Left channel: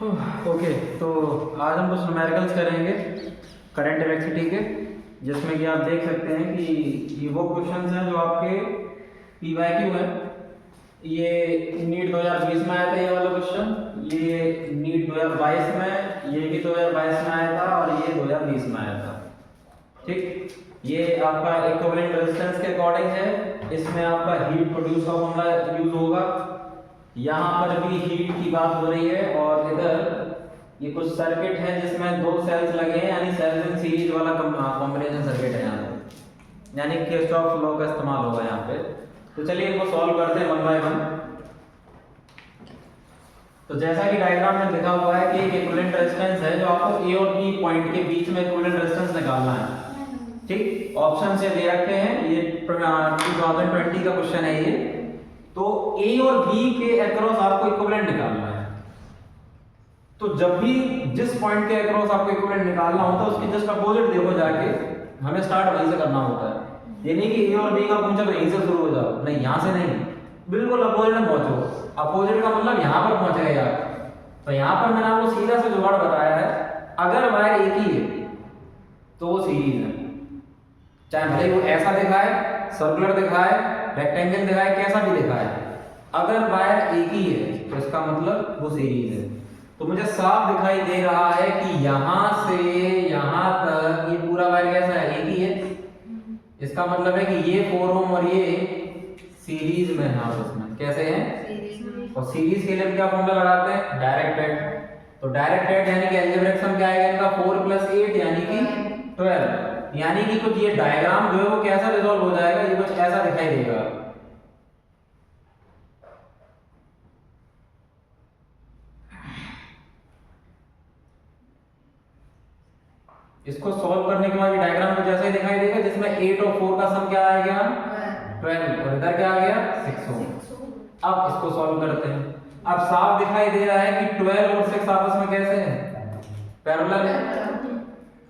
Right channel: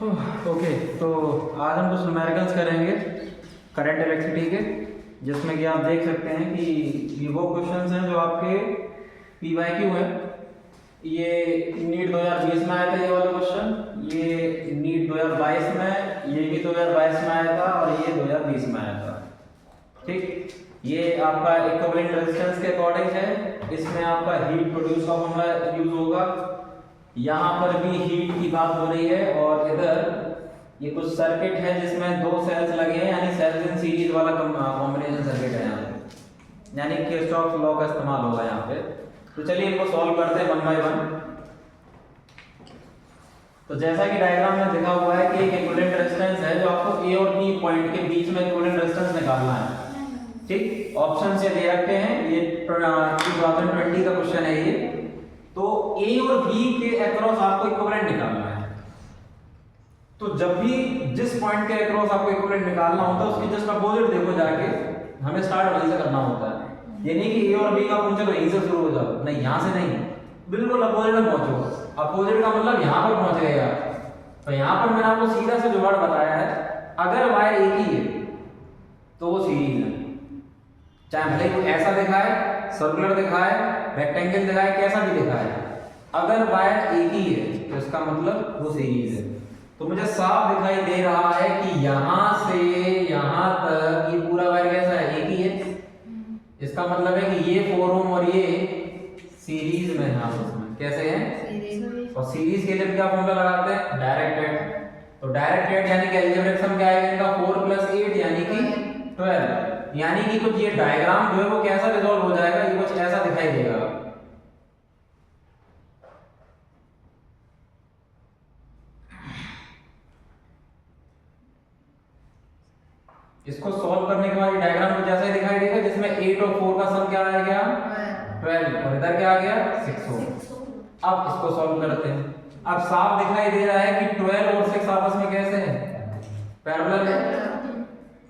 Okay, तो आज हम कुछ न्यूमेरिकल्स करेंगे करंट इलेक्ट्रिसिटी के, जिसमें कि आप देख सकते हैं कि ये वो क्वेश्चंस हैं जो आपके PYQ है। ये नीट 2020 में आया था ये वाला क्वेश्चन, ये नीट 2022 में, ये भी 2022 में आया था और ये 2020 में आया था। ठीक, ये आपका इक्विवेलेंट रेजिस्टेंस के अकॉर्डिंग है। इसमें आपका हीट प्रोड्यूस का फॉर्मूला यूज होगा। यहाँ पर भी हीट की बात हो रही है और इधर ये कुछ सर्किट है जिसमें दो सेल्स लगे हैं, यानी सेल्स इन सीरीज वाला कॉम्बिनेशन सर्किट है यहाँ पे, यानी किरचॉफ लॉ का इस्तेमाल होगा यहाँ पे। तो चलिए इनको सॉल्व करते हैं वन बाय वन। तो जैसा कि डायग्राम में दिखा हुआ है कि इक्विवेलेंट रेजिस्टेंस है जो आपको ए और बी पॉइंट के बीच में इक्विवेलेंट रेजिस्टेंस निकालना है। ठीक, ऑप्शन से दे रखे हैं, ये 2020 का क्वेश्चन है ये। तो ए और बी के अक्रॉस आपको इक्विवेलेंट निकालना है। तो जब भी जिस पॉइंट के अक्रॉस आपको इक्विवेलेंट निकालना होता है उसकी जस्ट अपोजिट देखो जाके, हमें स्टार्ट वहीं से करना होता है। ये नहीं कि ए और बी का पूछा तो यहीं से शुरू हो जाओ, नहीं, यहां से नहीं, बिल्कुल अपोजिट में पहुंचो। अपोजिट का मतलब यहां पर पहुंच गए आप। तो यहां पर मैंने आपको सीधा से जुगाड़ बताया है, अगर वायर एक ही है तो वो सीरीज है, चाहे भले वो ऐसा दिखाए, सर्कुलर दिखाए, रेक्टेंगल दिखाए, कैसा भी दिखाए, अगर वायर एक ही है तो इसका मतलब वो सीरीज है। तो मुझे साफ दिखाई दे रहा है कि यहां से यहां तक ये पूरा वायर कैसा है, एक ही है। इसका मतलब है कि ये 4 ओम और ये सीरीज में है आपस में, कैसे हैं। और सीरीज के लिए क्या फॉर्मूला लगाते हैं, डायरेक्टेड। तो डायरेक्टेड यानी कि अलजेब्रिक सम क्या आएगा इनका, 4 + 8 यानी कि 12। यानी कि कुछ ये डायग्राम जो है वो कैसा रिजॉल्व हो जाएगा, ये कुछ ऐसा दिखाई देगा। इसको सॉल्व करने के बाद ये डायग्राम कुछ ऐसा ही दिखाई देगा, जिसमें 8 और 4 का सम क्या आ गया, 12, और इधर क्या आ गया, 6 ओम। अब इसको सॉल्व करते हैं। अब साफ दिखाई दे रहा है कि 12 और 6 आपस में कैसे हैं, पैरेलल है।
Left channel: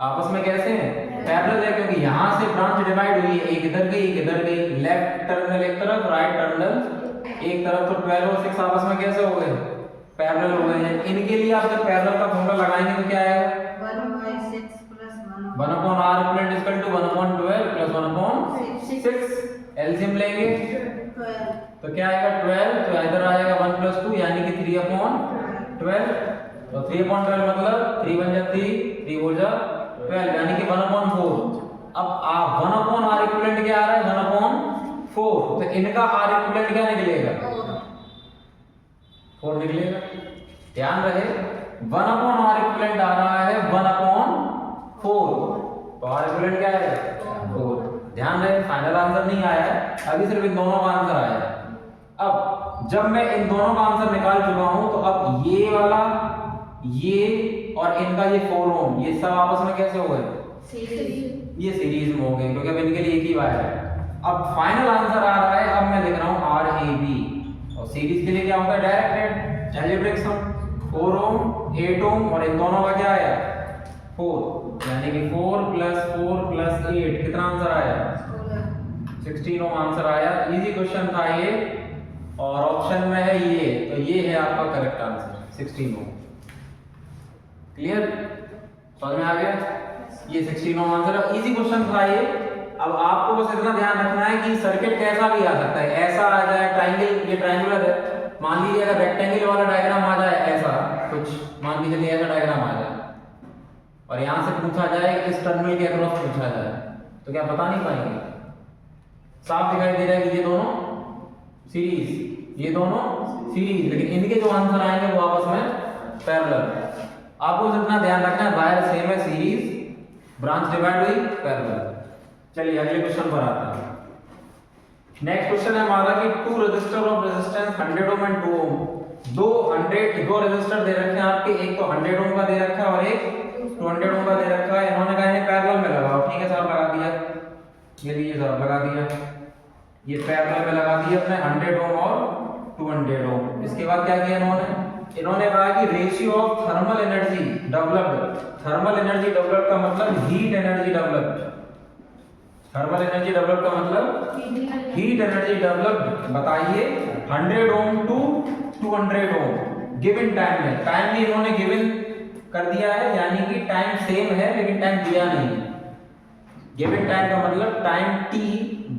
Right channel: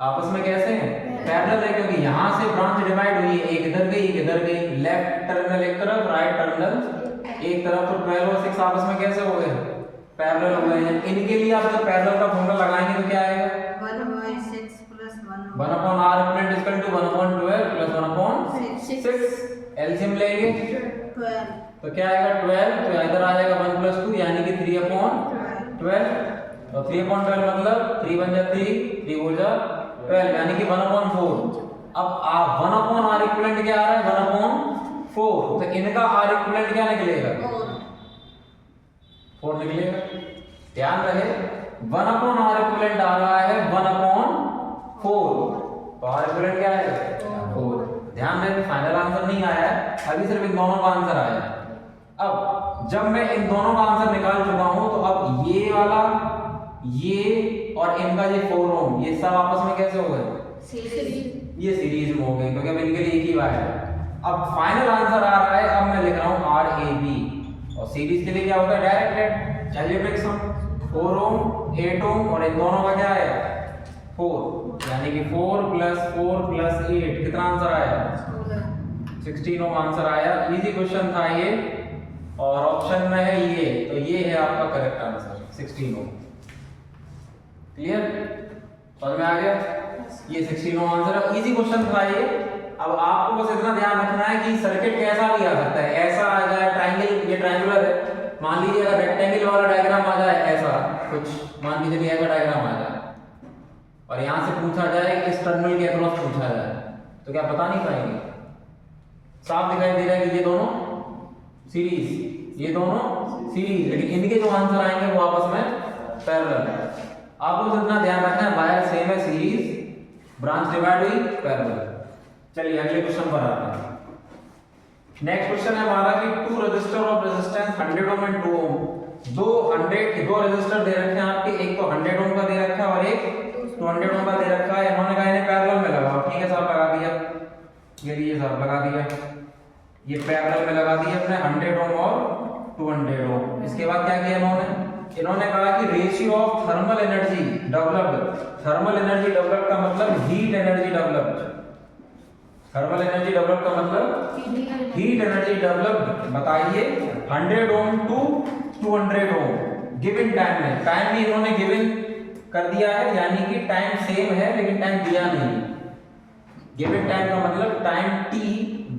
आपस में कैसे हैं, पैरेलल है, क्योंकि यहां से ब्रांच डिवाइड हुई है, एक इधर गई एक इधर गई, लेफ्ट टर्मिनल एक तरफ, राइट टर्मिनल एक तरफ। तो 12 और 6 आपस में कैसे हो गए, पैरेलल हो गए हैं। इनके लिए आप जब पैरेलल का फॉर्मूला लगाएंगे तो क्या आएगा, 1/r equal to 1/12 plus 1/6। LCM लेंगे तो क्या आएगा, 12। तो इधर आ जाएगा 1 + 2 यानी कि 3/12। और 3/12 मतलब 3 × 3, 3 हो जा 12 यानी कि 1/4। अब आप 1/r इक्विवेलेंट क्या आ रहा है, 1/4। तो इनका r इक्विवेलेंट क्या निकलेगा, 4 निकलेगा। ध्यान रहे 1/r इक्विवेलेंट आ रहा है 1/4, तो r इक्विवेलेंट क्या है, 4। ध्यान रहे फाइनल आंसर नहीं आया है, अभी सिर्फ इन दोनों का आंसर आया है। अब जब मैं इन दोनों का आंसर निकाल चुका हूं तो अब ये वाला, ये और इनका ये 4 ओम, ये सब आपस में कैसे हो गए, ये सीरीज में हो गए, क्योंकि अब इनके लिए एक ही वायर है। अब फाइनल आंसर आ रहा है, अब मैं लिख रहा हूं RAB, और सीरीज के लिए क्या होता है, डायरेक्टेड अलजेब्रिक सम। 4 ओम 8 ओम और इन दोनों का क्या है, 4, यानी कि 4 + 4 + 8 कितना आंसर आया, 16 ओम आंसर आया। इजी क्वेश्चन था ये, और ऑप्शन में है ये, तो ये है आपका करेक्ट आंसर 16 ओम। क्लियर, समझ में आ गया, ये 16 ओम आंसर है। इजी क्वेश्चन था ये। अब आपको बस इतना ध्यान रखना है कि सर्किट कैसा भी आ सकता है, ऐसा आ जाए, ट्रायंगल, ये ट्रायंगुलर है, मान लीजिए अगर रेक्टेंगल वाला डायग्राम आ जाए, ऐसा कुछ मान लीजिए ऐसा डायग्राम आ जाए, और यहां से पूछा जाए इस टर्मिनल के अक्रॉस पूछा जाए, तो क्या बता नहीं पाएंगे। साफ दिखाई दे रहा है कि ये दोनों सीरीज, ये दोनों सीरीज, लेकिन इनके जो आंसर आएंगे वो आपस में पैरेलल। आपको जितना ध्यान रखना है, वायर सेम है, सीरीज, ब्रांच डिवाइड हुई, पैरेलल। चलिए अगले क्वेश्चन पर आते हैं। नेक्स्ट क्वेश्चन है हमारा कि 2 register of resistance 100 ohm and 2 ओम। दो रजिस्टर दे रखे हैं आपके, एक तो 100 ओम का दे रखा है और एक 200 ओम का दे रखा है। इन्होंने कहा इन्हें पैरेलल में लगाओ, ठीक है साहब, लगा दिया, ये साहब लगा दिया, ये पैरेलल में लगा दिया अपने 100 ओम और 200 ओम। इसके बाद क्या किया इन्होंने कहा कि ratio of thermal energy developed. Thermal energy developed का मतलब heat energy developed. Thermal energy develop का मतलब हीट एनर्जी डेवलप, बताइए 100 ओम टू 200 ओम गिवन टाइम में, टाइम भी इन्होंने गिवन कर दिया है, यानी कि टाइम सेम है लेकिन टाइम दिया नहीं है। गिवन टाइम का मतलब टाइम टी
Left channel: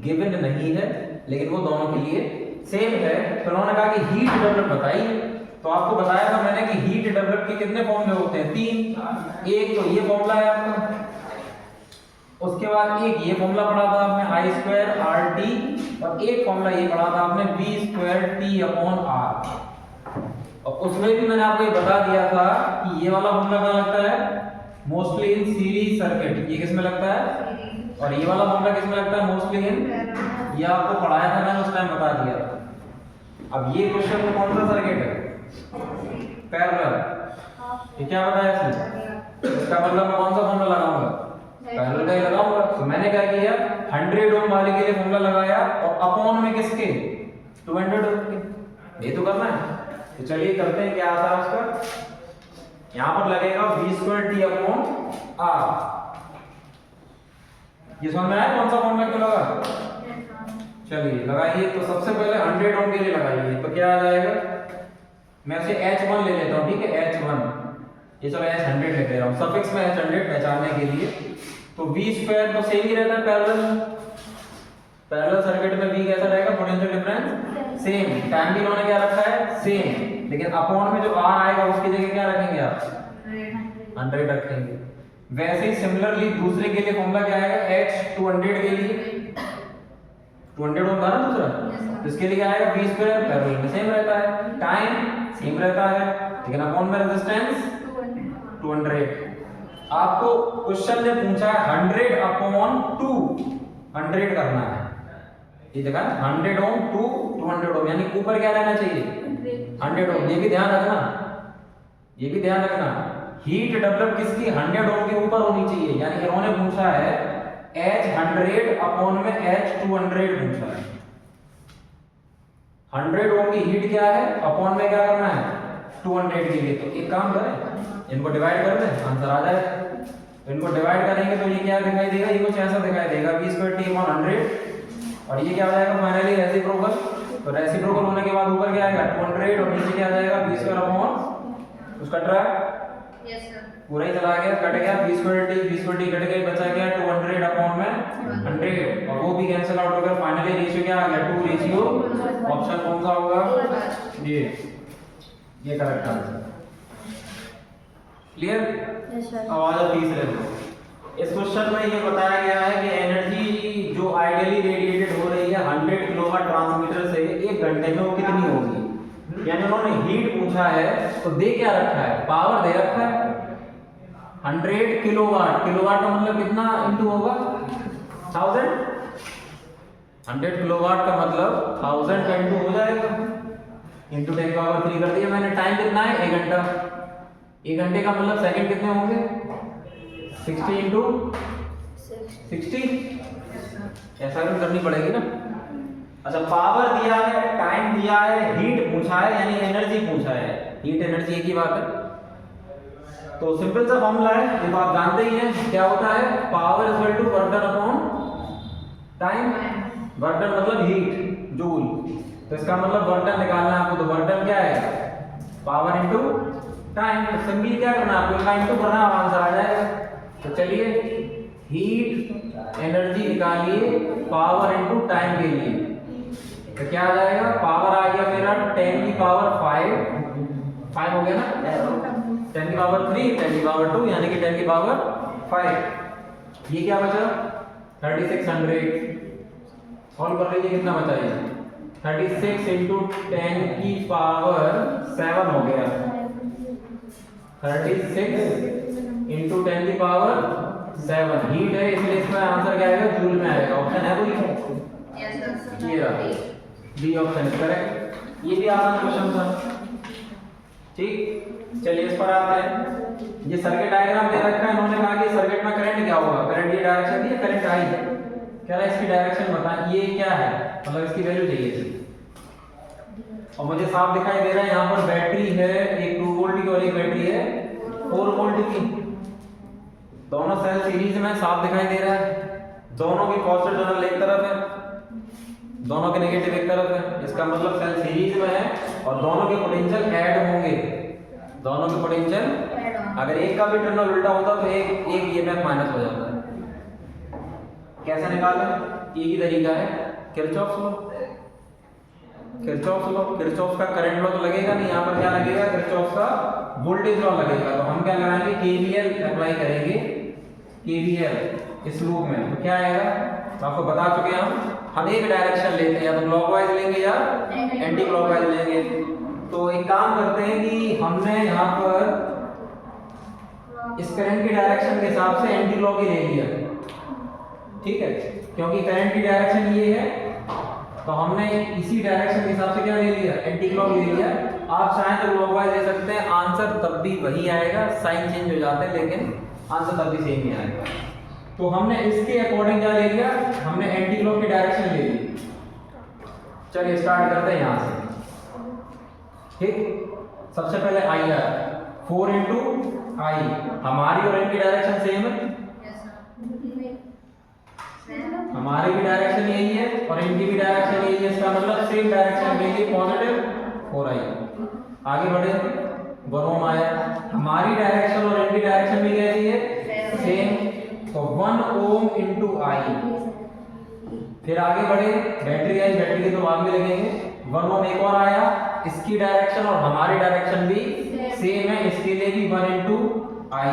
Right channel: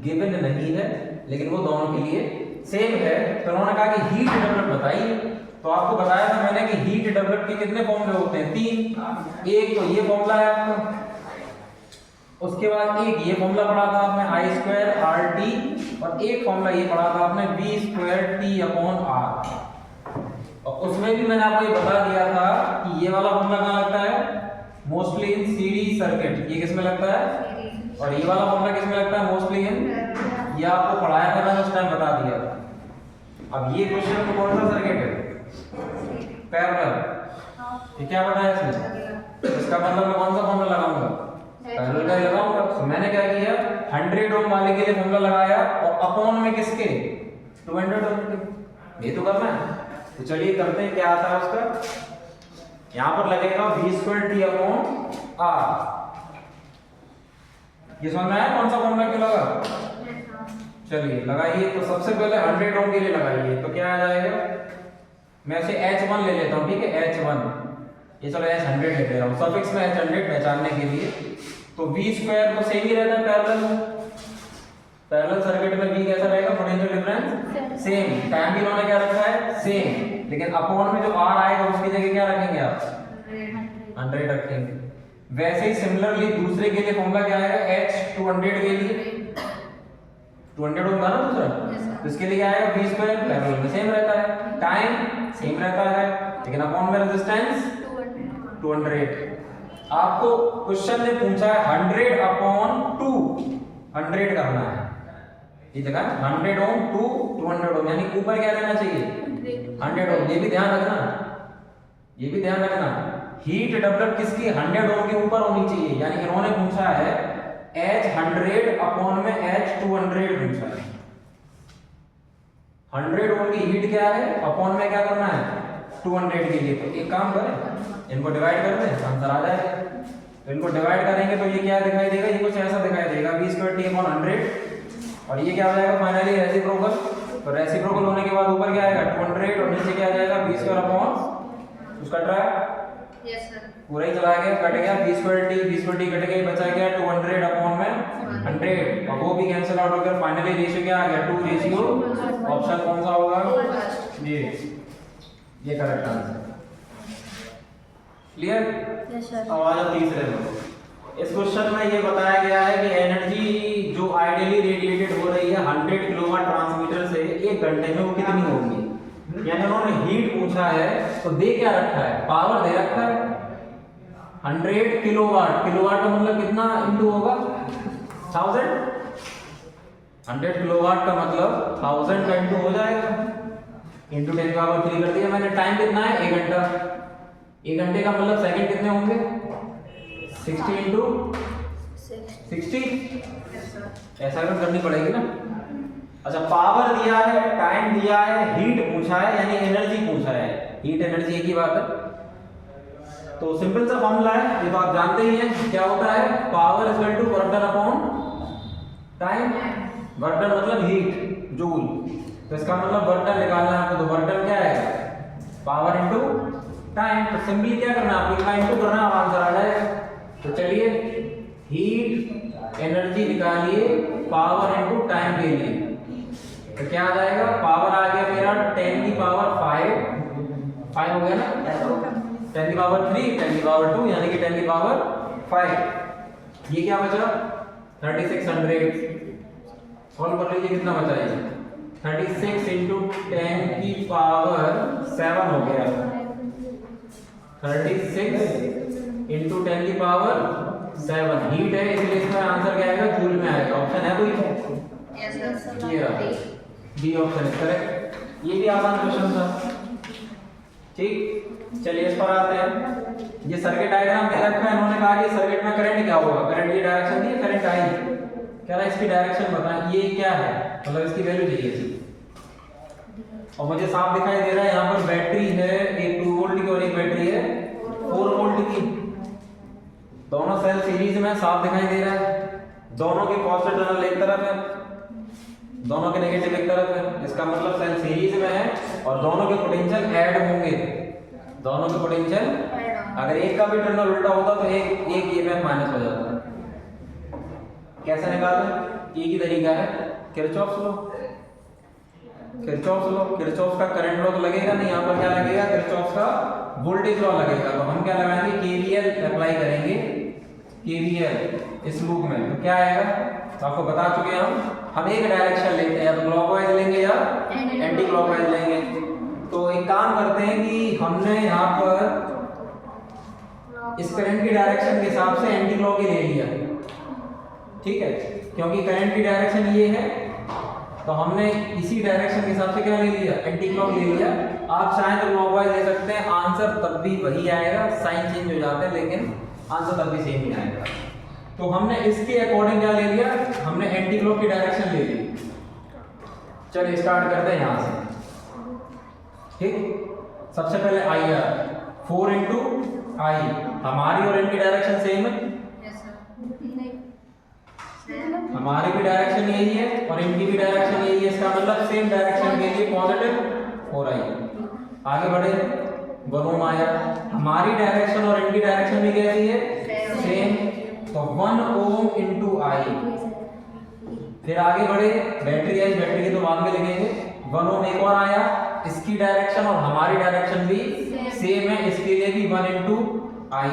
गिवन नहीं है लेकिन वो दोनों के लिए सेम है। तो उन्होंने कहा कि हीट डेवलप बताइए। तो आपको बताया था मैंने कि हीट डेवलप के कितने फॉर्मूले होते हैं, 3। एक तो ये फॉर्मूला है आपका, उसके बाद एक ये फॉर्मूला पढ़ा था आपने आई स्क्वायर आर टी, और एक फॉर्मूला ये पढ़ा था आपने V square T upon R. और उसमें भी मैंने आपको ये बता दिया था कि ये वाला फॉर्मूला कहाँ लगता है, मोस्टली इन सीरीज सर्किट। ये किसमें लगता है, और ये वाला फॉर्मूला किसमें लगता है, मोस्टली इन, ये आपको पढ़ाया था मैंने उस टाइम बता दिया था। अब ये क्वेश्चन में कौन सा सर्किट है, पैरेलल। ये क्या बताया इसमें, इसका मतलब मैं कौन सा फॉर्मूला लगाऊंगा, पैरेलल का ही लगाऊंगा। तो मैंने क्या किया, 100 ओम वाले के लिए फॉर्मूला लगाया और अपॉन में किसके, 200 ओम के। ये तो करना है, तो चलिए करते हैं। क्या आता है उसका, यहां पर लगेगा v square t upon r। ये समझ में आया कौन सा फॉर्मूला क्यों लगा, चलिए लगाइए। तो सबसे पहले 100 ओम के लिए लगाइए, तो क्या आ जाएगा, मैं इसे H1 ले लेता हूं, ठीक है, H1। ये चलो H100 ले ले रहा हूं, सफिक्स में H100 पहचानने के लिए। तो v स्क्वायर तो सेम ही रहता है पैरेलल में, पैरेलल सर्किट में v कैसा रहेगा, पोटेंशियल डिफरेंस सेम, टाइम भी उन्होंने क्या रखा है सेम, लेकिन अपॉन में जो r आएगा उसकी जगह क्या रखेंगे आप, 100 रखेंगे। वैसे ही सिमिलरली दूसरे के लिए फॉर्मूला क्या आएगा, H200 के लिए 200 होता है ना दूसरा, तो इसके लिए क्या आएगा, v स्क्वायर पैरेलल में सेम रहता है, टाइम सेम रहता है, लेकिन अपॉन में रेजिस्टेंस 200। आपको क्वेश्चन ने पूछा है 100 अपॉन 200 करना है, ये देखा 100 ओम टू 200 ओम, यानी ऊपर क्या रहना चाहिए, 100 ओम। ये भी ध्यान रखना, ये भी ध्यान रखना, हीट डेवलप किसकी 100 ओम के ऊपर होनी चाहिए, यानी इन्होंने पूछा है H100 अपॉन में H200 पूछा है। 100 ओम की हीट क्या है, अपॉन में क्या करना है 200 के लिए। तो एक काम करें, इनको डिवाइड कर दें, आंसर आ जाएगा। तो इनको डिवाइड करेंगे तो ये क्या दिखाई देगा, ये कुछ ऐसा दिखाई देगा, v स्क्वायर t अपॉन 100, और ये क्या हो जाएगा फाइनली रेसिप्रोकल। तो रेसिप्रोकल होने के बाद ऊपर क्या आएगा 200 और नीचे क्या आ जाएगा v स्क्वायर अपॉन, उसका ट्राई यस सर, पूरा ही चला गया, कट गया, v स्क्वायर t कट गया, बचा क्या 200 अपॉन में 100, और वो भी कैंसिल आउट हो गया। फाइनली रेशियो क्या आ गया 2 रेशियो, ऑप्शन कौन सा होगा, ये correct answer. Clear, yes sir. अब आ जाओ तीसरे में। इस क्वेश्चन में ये बताया गया है कि एनर्जी जो आइडियली रेडिएटेड हो रही है 100 किलोवाट ट्रांसमीटर से 1 घंटे में, वो कितनी होगी। यानी उन्होंने हीट पूछा है तो दे क्या रखा है, पावर दे रखा है 100 किलोवाट। किलोवाट का मतलब कितना इंटू होगा 1000, 100 किलोवाट का मतलब 1000 का इंटू हो जाएगा, इंटू 10 पावर 3 कर दिया मैंने। टाइम कितना है 1 घंटा, 1 घंटे का मतलब सेकंड कितने होंगे 60 इंटू 60, ऐसा करनी पड़ेगी ना। अच्छा, पावर दिया है, टाइम दिया है, हीट पूछा है, यानी एनर्जी पूछा है, हीट एनर्जी एक ही बात है। तो सिंपल सा फॉर्मूला है, ये तो आप जानते ही हैं, क्या होता है, power is equal to work done upon time. Work done मतलब हीट, जूल, तो इसका मतलब वर्क डन निकालना है आपको, तो वर्क डन क्या है पावर इनटू टाइम। तो सिंपली क्या करना है आपको, इतना इनटू करना है, आंसर आ जाएगा। तो चलिए हीट एनर्जी निकालिए पावर इनटू टाइम के लिए, तो क्या आ जाएगा, पावर आ गया मेरा 10 की पावर 5 हो गया ना, 10 की पावर 3, 10 की पावर 2, यानी कि 10 की पावर 5। ये क्या बचा 3600, सॉल्व कर लीजिए कितना बचा ये, 36 इंटू 10 की पावर 7 हो गया, 36 इंटू 10 की पावर 7। हीट है इसलिए इसमें आंसर क्या आएगा, जूल में आएगा। ऑप्शन है कोई, यस सर, ये रहा डी ऑप्शन इज करेक्ट। ये भी आसान क्वेश्चन था, ठीक। चलिए इस पर आते हैं। ये सर्किट डायग्राम दे रखा है, इन्होंने कहा कि सर्किट में करंट क्या होगा, करंट ये डायरेक्शन दी है, करंट आई, कह रहा है इसकी डायरेक्शन बताएं, ये क्या है, मतलब इसकी वैल्यू चाहिए इसकी। और मुझे साफ दिखाई दे रहा है यहाँ पर बैटरी है, एक 2 वोल्ट की और एक बैटरी है 4 वोल्ट की, दोनों सेल सीरीज में साफ दिखाई दे रहा है, दोनों की पॉजिटिव टर्मिनल एक तरफ है, दोनों के नेगेटिव एक तरफ है, इसका मतलब सेल सीरीज में है और दोनों के पोटेंशियल ऐड होंगे। दोनों के पोटेंशियल, अगर एक का भी टर्मिनल उल्टा होता तो एक ईएमएफ माइनस हो जाता। कैसे निकालें? एक ही तरीका है, किरचॉफ्स लॉ। किरचॉफ्स का करंट लॉ तो लगेगा नहीं, यहाँ पर क्या लगेगा? किरचॉफ्स का वोल्टेज लॉ लगेगा। तो हम क्या लगाएंगे? केवीएल अप्लाई करेंगे, केवीएल इस लूप में। तो क्या आएगा? तो आपको बता चुके हैं हम एक डायरेक्शन लेते हैं, या तो क्लॉकवाइज लेंगे या एंटी क्लॉकवाइज लेंगे। तो एक काम करते हैं कि हमने यहाँ पर इस करंट की डायरेक्शन के हिसाब से एंटी क्लॉक ही ले लिया, ठीक है, क्योंकि करंट की डायरेक्शन ये है, तो हमने इसी डायरेक्शन के हिसाब से क्या ले लिया? एंटी क्लॉक ले लिया। आप चाहें तो क्लॉकवाइज ले सकते हैं, आंसर तब भी वही आएगा, साइन चेंज हो जाते हैं लेकिन आंसर तब भी सेम ही आएगा। तो हमने इसके अकॉर्डिंग क्या ले लिया? हमने एंटी क्लॉक की डायरेक्शन ले ली। चलिए स्टार्ट करते हैं यहाँ से, ठीक। सबसे पहले आई आर 4 इंटू आई, हमारी और इनकी डायरेक्शन सेम है, हमारी भी डायरेक्शन यही है और इनकी भी डायरेक्शन यही है, इसका मतलब सेम डायरेक्शन के लिए पॉजिटिव 4i। आगे बढ़े, 1 ओम आया, हमारी डायरेक्शन और इनकी डायरेक्शन भी कैसी है? सेम, तो 1 ओम इंटू आई। फिर आगे बढ़े, बैटरी आई, बैटरी के तो बाद में लगेंगे, 1 ओम एक और आया, इसकी डायरेक्शन और हमारी डायरेक्शन भी सेम है, इसके लिए भी 1 इंटू आई।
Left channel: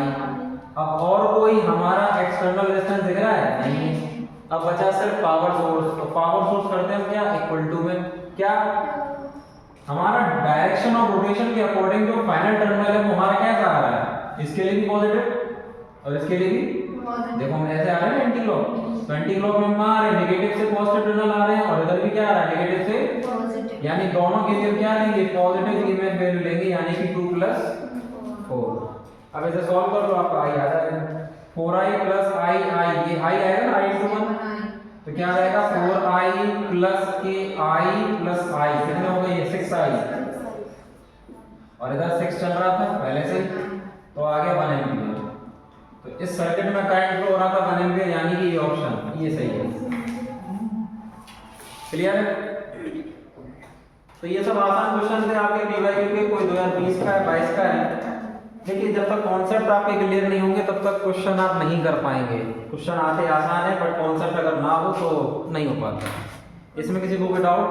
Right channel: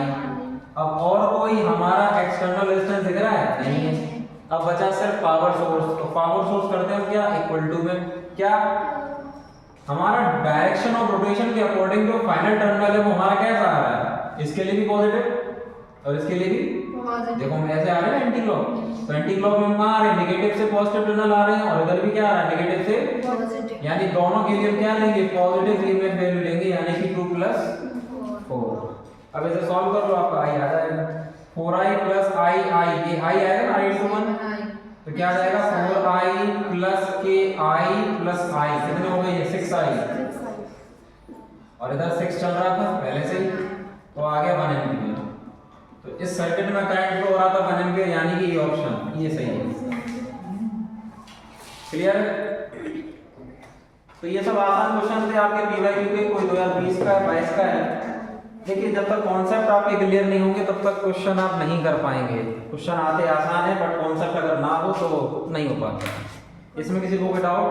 अब और कोई हमारा एक्सटर्नल रेजिस्टेंस दिख रहा है? नहीं है। अब बचा सिर्फ पावर सोर्स, तो पावर सोर्स करते हैं क्या? इक्वल टू में क्या? हमारा डायरेक्शन ऑफ रोटेशन के अकॉर्डिंग जो फाइनल टर्मिनल है वो हमारा कैसा आ रहा है? इसके लिए भी पॉजिटिव और इसके लिए भी, देखो हम ऐसे आ रहे हैं एंटी क्लॉक, तो एंटी क्लॉक में हम आ रहे हैं, नेगेटिव से पॉजिटिव टर्मिनल आ रहे हैं और इधर भी क्या आ रहा है? नेगेटिव से पॉजिटिव, यानी दोनों के लिए हम क्या लेंगे? पॉजिटिव ईएमएफ वैल्यू लेंगे, यानी कि 2 + 4। अब इसे सॉल्व कर लो, आपका आई आ जाएगा 4i + i, ये i आएगा ना, i × 1, तो क्या जाएगा? 4i + ki + i, कितने हो गए ये? 6i, और इधर 6 चल रहा था पहले से ही, तो आ गया 1 एम्पीयर। तो इस सर्किट में करंट फ्लो हो रहा था 1 एम्पीयर, यानी कि ये ऑप्शन ये सही है। क्लियर है? तो ये सब आसान क्वेश्चन थे आपके पीवाईक्यू के, कोई 2020 का है, 22 का है। देखिए जब तक कॉन्सेप्ट आपके क्लियर नहीं होंगे तब तक क्वेश्चन आप नहीं कर पाएंगे। क्वेश्चन आते आसान है, बट कॉन्सेप्ट अगर ना हो तो नहीं हो पाता। इसमें किसी को कोई डाउट?